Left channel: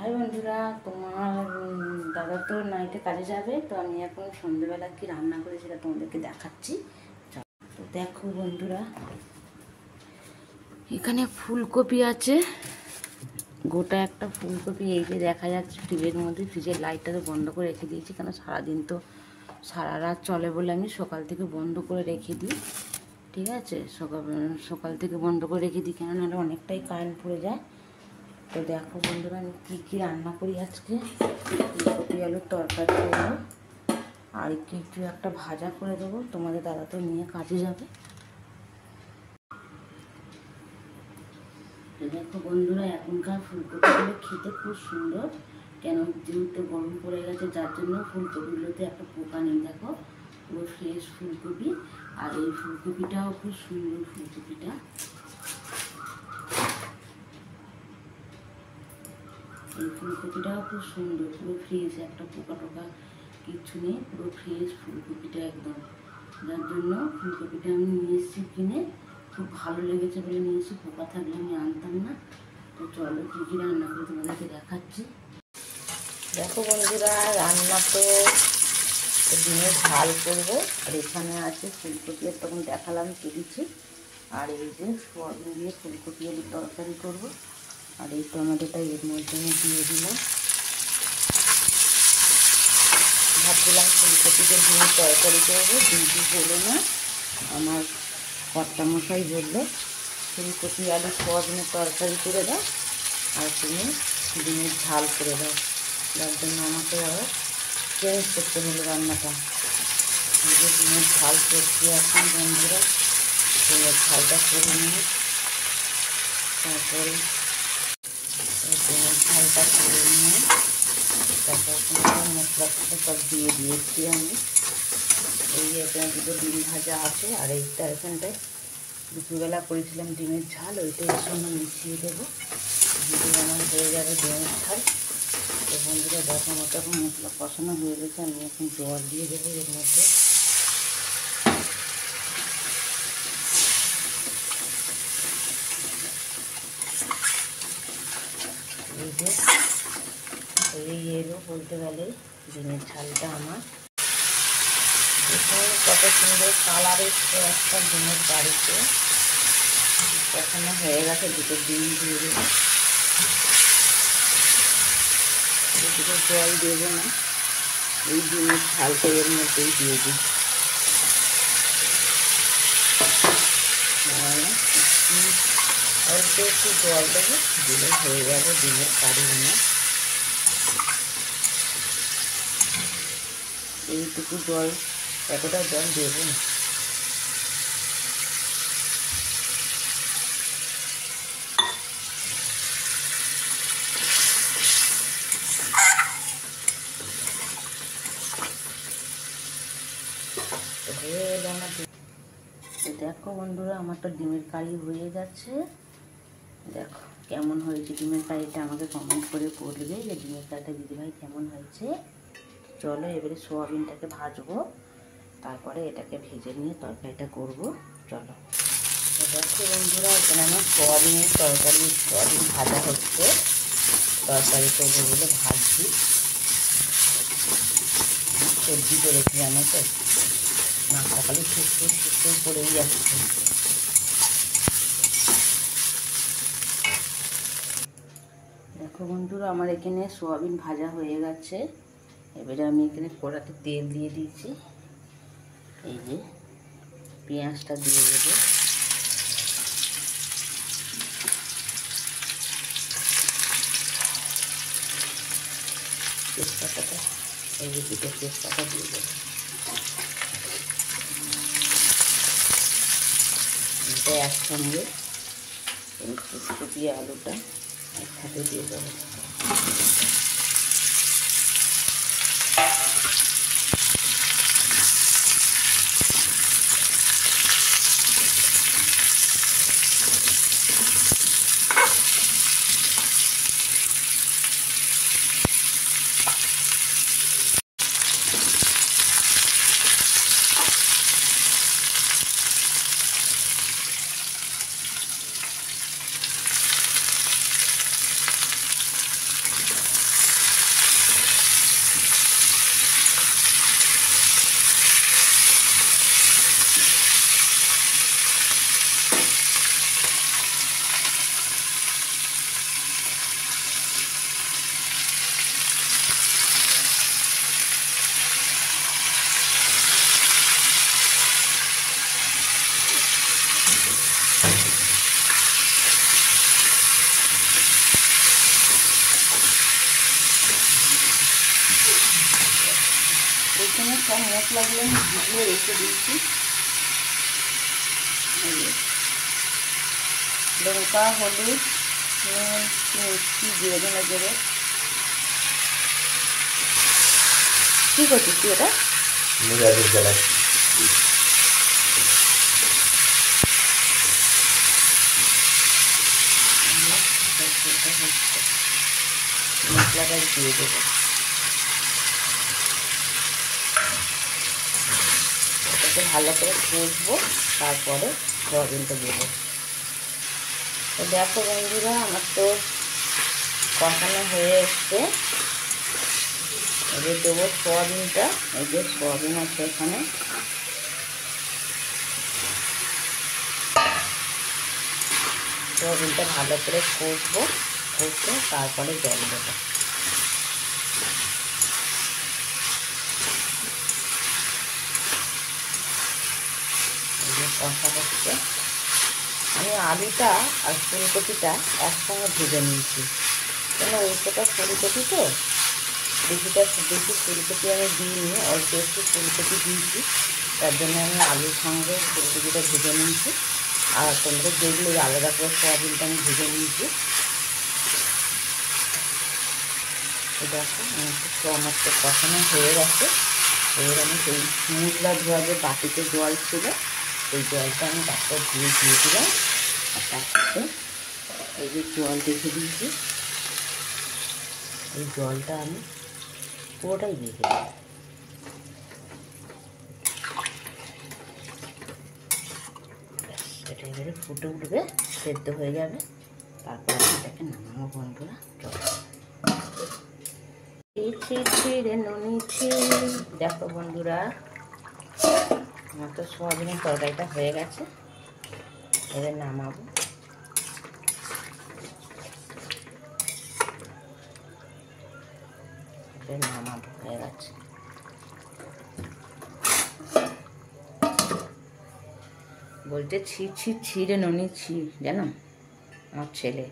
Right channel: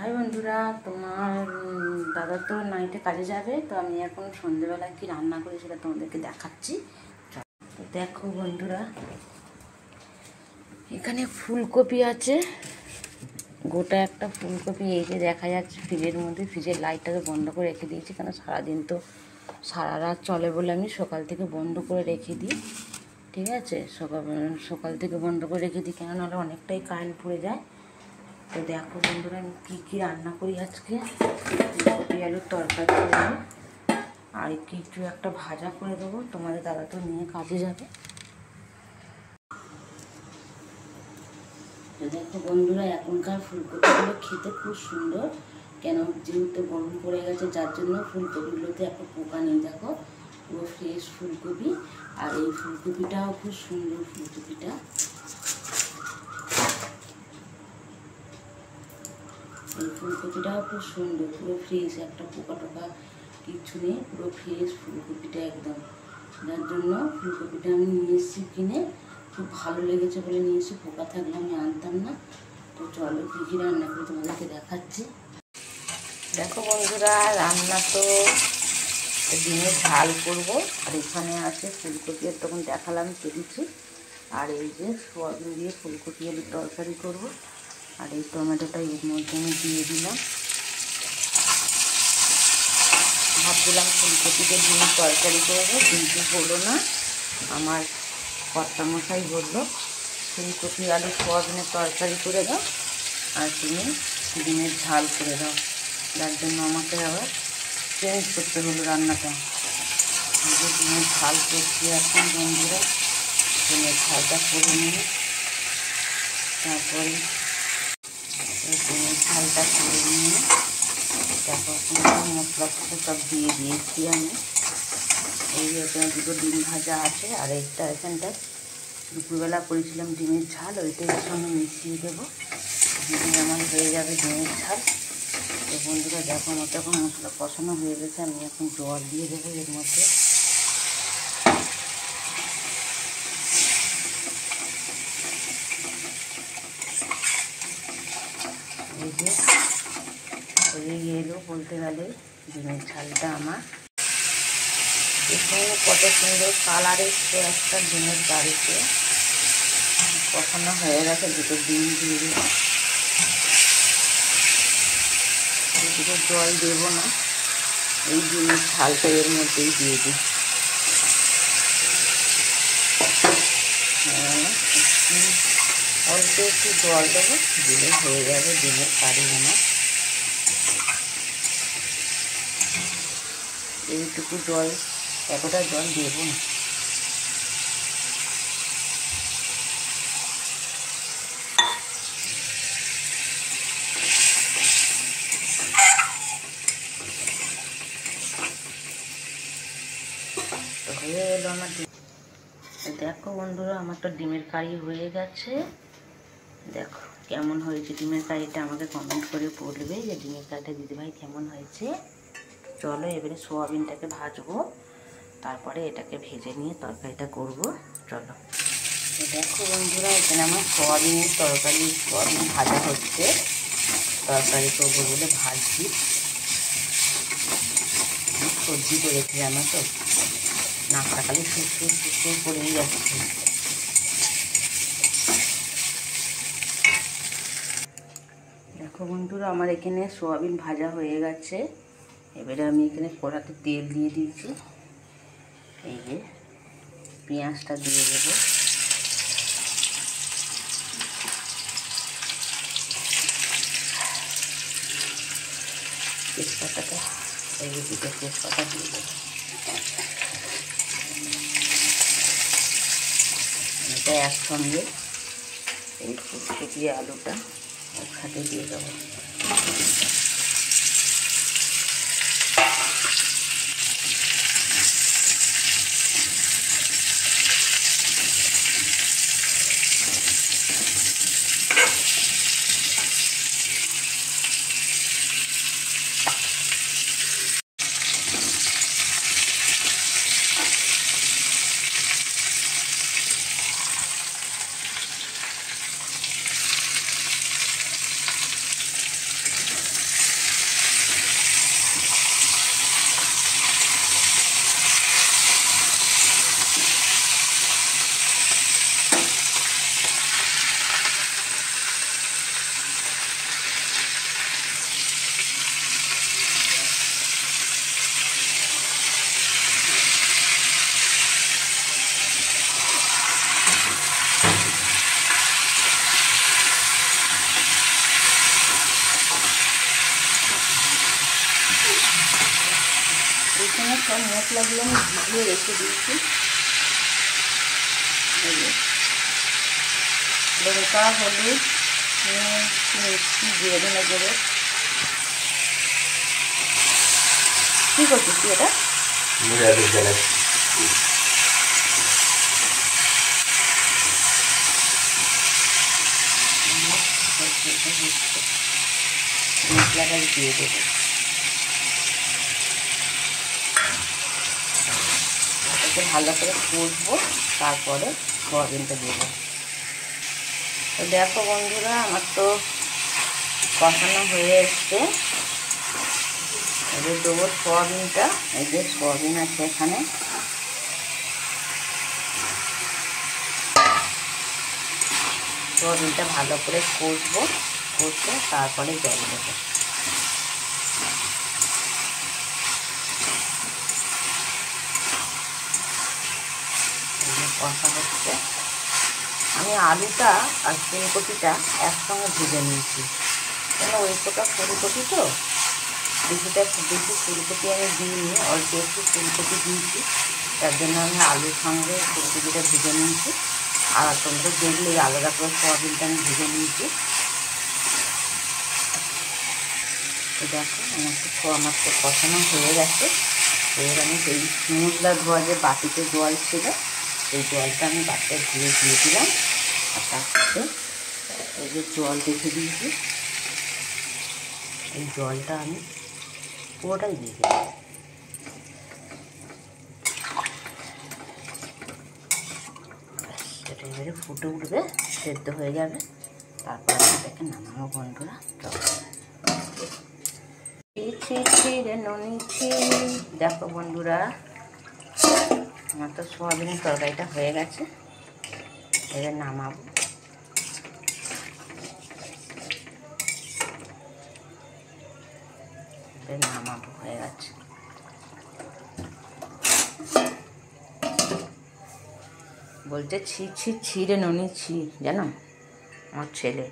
High বন্ধুরা, তোমার দাদা তো নাইটে কাজে যাবে, তো আমি এখন সন্ধ্যেবেলা কি রান্না করি সেটা তোমাদেরকে দেখাচ্ছি। তো দেখো বন্ধুরা, এখানে ফুলকপি আছে, গোটা একটা ফুলকপি এই যে দেখা যাচ্ছে ফ্রিজের মধ্যে। ফ্রিজের লাইটটাকে বন্ধ করে রেখে দিয়েছি, কেন সারাদিন তো সারা রাত চলে বলে আমি সকাল থেকে বন্ধ করে রেখে দিই। ঠিক আছে, সকাল থেকে বন্ধ করে রেখে দিই, কেন নাহলে অনেকটাই কারেন্ট পড়ে যায়। তো দেখো বন্ধুরা, আমি কী রান্না করি আজকে। ফুলকপি আলুর তরকারি করবো, আর কিছু একটা ভাজা করে দেবো। তোমাদের দাদা তো নিয়ে কাজে যাবে। তো দেখো বন্ধুরা, এখনকার ফুলকপিগুলো খেতে খুব সুন্দর, কেন যেহেতু গরম পড়ে গেছে, যার জন্য ফুলকপিগুলোতে একটা পোকা নেই। দেখো পুরো ফ্রেশ ফুলকপি, আর এই ফুলকপিটাও খুব সুন্দর। ফুলকপিটা এই ফুলকপিটাও খুব সুন্দর, পুরো ফ্রেশ, একটা পোকা টোকা কিচ্ছু নেই, পুরো ফ্রেশ ফুলকপিটা একদম। যার জন্য ফুলকপিটা আমি নিয়ে এসেছি কিনে, খুব ভালো লেগেছে বলে নিয়ে এসেছি। পোকা থাকলে আমি আনতাম না। তো চলো কী রান্না করে তোমাদেরকে দেখাচ্ছি। দেখো বন্ধুরা, রান্না তো ডিমের ঝাল করবো, আর এখানে আছে ফুলকপি, আর তখন দেখালাম কেটেছি। আর এই যে সোয়াবিন দিয়ে ফুলকপি আলুর তরকারি করবো, আর এই টমেটোটা এর মধ্যে আমি দিয়ে দিলাম। ভাবছিলাম ফুলকপিতে ডিম তরকারি করবো, কিন্তু হলো না। আমার কর্তামশাই বললো ফুলকপি আলু সোয়াবিনের তরকারি করে দাও, আর তুমি ডিমের ঝাল করে দাও। যার জন্য আমাকে আবার চেঞ্জ করতে হলো রান্নাটা। ডিমের ঝাল করছি এখন বন্ধুরা। ডিমের ঝালটা করে নিয়ে তারপরে ডিমের ঝালটা করে নিয়ে তারপর মশলা সব দিয়ে দিয়েছি আমি। এই যে এখানে দুটো ডিম ভাজা আছে, আর এইটা এখানটায় দুপুরবেলা করেছিলাম ডিমের ঝাল, ওইটা এর সঙ্গে মিশিয়ে দেবো। দিয়ে আমার হয়ে যাবে ডিমের ঝাল। তো বন্ধুরা দেখো, আমার এখন মশলা কষানো হয়ে গেছে, আমি এখন জল দিয়ে দেবো এর মধ্যে। এই যে হয়ে এলো বলতে গেলে ডিমের ঝালটা আমার। এখানে কত সুন্দর কালার এসছে একটা ডিমের বাড়িতে। কষানো হয়ে গেছে, দুটো ডিম দিয়ে দেবো। দুটো জল দেবো না, এই ডিমের ঝালটা এর মধ্যেই দিয়ে দিই। অল্প একটু জল দেবো, দিলে হয়ে যাবে ডিমের কারি আমার। এইটুকু জল, এতটা জল দেবো না। হয়ে এলো আমার। দেখো বন্ধুরা, আমার তো ডিমের কারি হয়ে গেছে। দেখো কেমন হয়েছে ডিমের কারিটা, আমাকে কমেন্ট করে বলবে যে ডিমের কারিটা দিদিভাই কেমন হয়েছে। চলো এবারে সোয়াবিনটাকে ভাজবো, তারপরে এটাকে ভেজে নিয়ে তরকারিটা করবো। চলো। তো দেখো বন্ধুরা, এখানে আমার সোয়াবিনের তরকারি, সোয়াবিন ভাজা হচ্ছে। তরকারি করবো বলে ভাজছি। সবজি করেছি জানো তো, নাকটা খালি সুস্থ করেই যাচ্ছে। দেখো বন্ধুরা, আমার এখানে সোয়াবিন ভাজা হয়ে গেছে। এবারে আমি এখানে কড়াতে তেল দিয়ে দিয়েছি। এই যে পেঁয়াজটা দিয়ে দেবো। তেজপাতাটা, এই যে দুটো তেজপাতা দিয়ে দেবো। এটা একসঙ্গে এই ফুলকপি আলুটা একসাথে দিয়ে দেবো। এখানে সব মশলাগুলো আমি ভিজিয়ে রেখে দিচ্ছি। লঙ্কা, হলুদ, নুন, মিষ্টি, জিরে ধনে গুঁড়ো। কী করছিস তুই এটা? মশলাটা দিয়ে দেবো। এটাকে ভালো করে কষবো, তারপরে সোয়াবিনটা দেবো। তো দেখো বন্ধুরা, আমার তো কষানো হয়ে এসছে। এবার দেবো সোয়াবিনটা। এই যে সোয়াবিন আছে এখানে। সোয়াবিনটা ভালো করে কষবো, কষে তারপরে জল দেবো। এই যে কষা হচ্ছে। আমি আলুটা আর ফুলকপিটা একসঙ্গে ভেজে নিয়েছি, কেন ওই প্রকার ফুলকপি তো বেশি ফুলকপি আমি দিইনি, অল্প একটু ফুলকপি দিয়েছি, তার জন্য আমি আলুর সঙ্গে ফুলকপিটা ভেজে নিয়েছি। আর তোমরা দেখলে আলাদা করে সোয়াবিনটা আমি ভেজে নিয়েছি। দেখো আমার তো কষানো হয়ে গেছে। এবার আমি সেই মশলা ধোয়া যে বাটিতে জল ছিল, সেই জলটা আমি বাটিতে ধুয়ে দিয়ে দিলাম। আর তার সাথে এই যে জল রেখে দিয়েছি, এই জলটা আমি পুরোটাই দিয়ে দিলাম। এটা এবারে ফুটে উঠবে, সেদ্ধ হয়ে যাবে, তারপর আমি এটাকে নামাবো বন্ধুরা। দেখো বন্ধুরা, আমার তো সোয়াবিনের তরকারিটা হয়ে গেছে। এবার নামাবো। হয়ে গেছে। বলছে ছি ছি ছি রে ননি ছি, জানো আমার ছেলে।